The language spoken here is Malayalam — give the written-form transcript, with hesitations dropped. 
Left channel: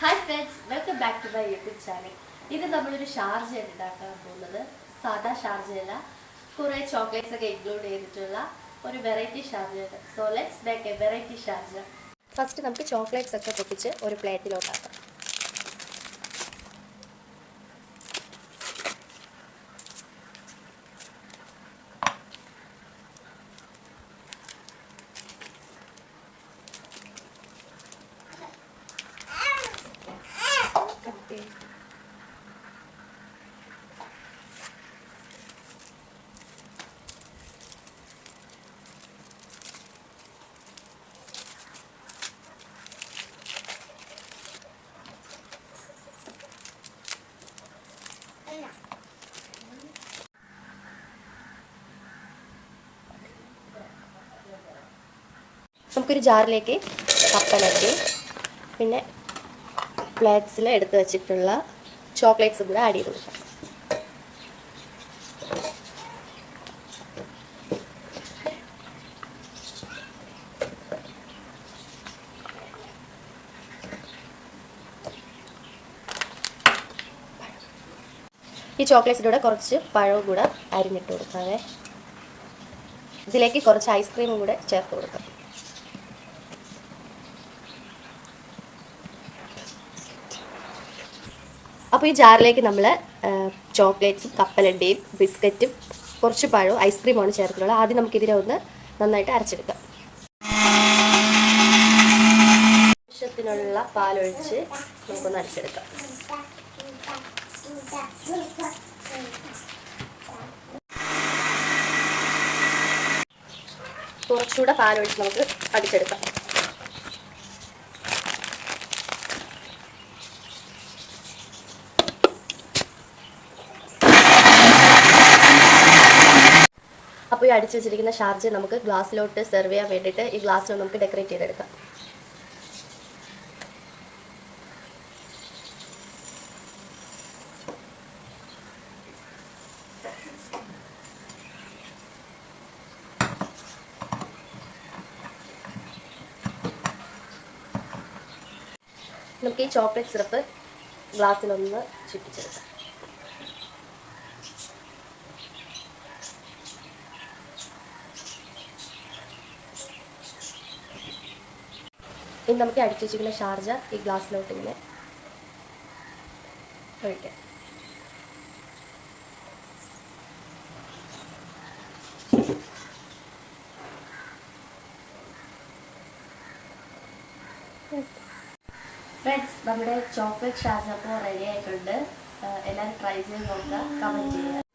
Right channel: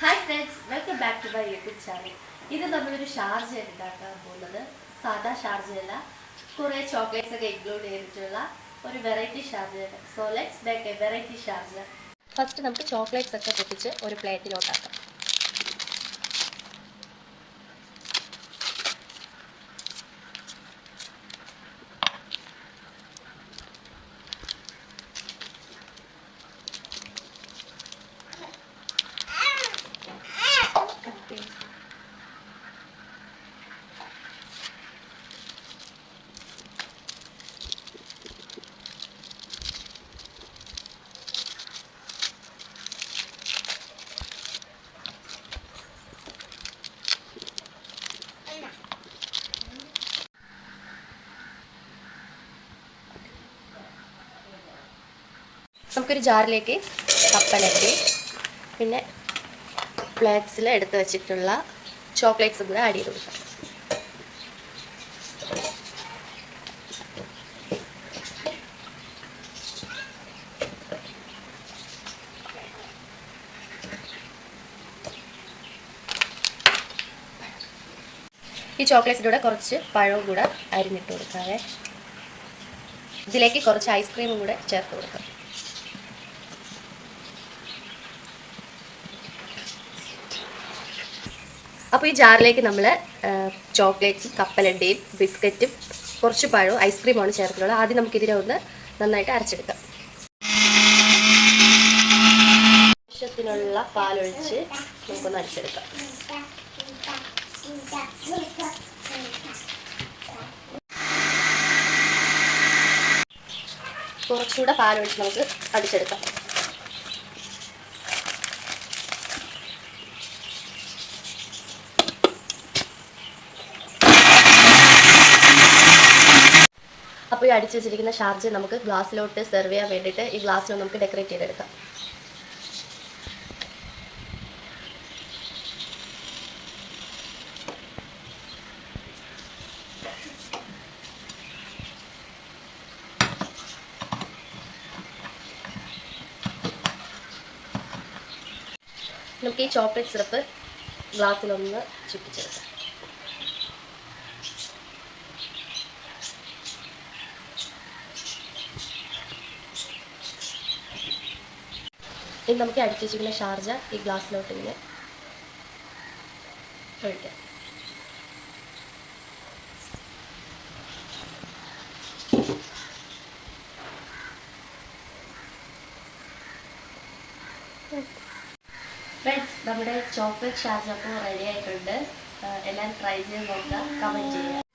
Hi friends, welcome back to my YouTube channel. ഇത് നമ്മളൊരു ഷാർജയാണ് ഉണ്ടാക്കാൻ പോകുന്നത്. സാധാ ഷാർജയല്ല, കുറേ ചോക്ലേറ്റ്സ് ഒക്കെ ഇൻക്ലൂഡ് ചെയ്തിട്ടുള്ള ഒരു വെറൈറ്റി ഷാർജയാണ്. So let's make a variety Sharjah. First നമുക്ക് ചോക്ലേറ്റ്സ് ഒക്കെ പൊട്ടിച്ച് ഒരു പ്ലേറ്റിലോട്ടാക്കാം. നമുക്കൊരു ജാറിലേക്ക് കപ്പലണ്ടി പിന്നെ ഫ്ലേക്സിൽ എടുത്ത് വെച്ചിട്ടുള്ള ചോക്ലേറ്റ്സും കൂടെ ആഡ് ചെയ്ത് കൊടുക്കാം. ഈ ചോക്ലേറ്റ്സിൻ്റെ കൂടെ കുറച്ച് പഴവും കൂടെ അരിഞ്ഞിട്ട് കൊടുക്കാവേ. ഇതിലേക്ക് കുറച്ച് ഐസ്ക്രീമും കൂടെ ചേർത്ത് കൊടുക്കാം. അപ്പോൾ ഈ ജാറിലേക്ക് നമ്മൾ ചോക്ലേറ്റ്സും കപ്പലണ്ടിയും ബിസ്ക്കറ്റും കുറച്ച് പഴവും ഐസ്ക്രീമാണ് ചേർത്തിട്ടുള്ളത്. ആദ്യം നമുക്കിതിനെ ഒന്ന് നന്നായിട്ട് അരച്ചെടുക്കാം. ആവശ്യത്തിനുള്ള പാലൊഴിച്ച് നമുക്കൊന്ന് അരച്ചെടുക്കാം. കുറച്ചുകൂടെ പാലൊഴിച്ച് നമുക്ക് അടിച്ചെടുക്കാം. അപ്പോൾ ഈ അടിച്ചു വെച്ചിരിക്കുന്ന ഷാർജ നമുക്ക് ഗ്ലാസ്സിലോട്ട് സെർവ് ചെയ്യാൻ വേണ്ടിയിട്ട് ഈ ഗ്ലാസ്സിൽ നമുക്ക് ഡെക്കറേറ്റ് ചെയ്തെടുക്കാം. നമുക്ക് ഈ ചോക്ലേറ്റ് സിറപ്പ് ഗ്ലാസ്സിലൊന്ന് ചുറ്റിച്ചെടുക്കാം. ഇനി നമുക്ക് അടിച്ചു വെച്ചിരിക്കുന്ന ഷാർജ ഈ ഗ്ലാസ്സിലോട്ട് ഇങ്ങനെ ഒഴിക്കാം. ഫ്രണ്ട്സ്, നമ്മുടെ ചോക്ലേറ്റ് ഷാർജ അപ്പോൾ റെഡി ആയിട്ടുണ്ട്. എല്ലാവരും ട്രൈ ചെയ്ത് നോക്കുക, കമൻറ്റ് ചെയ്യുക.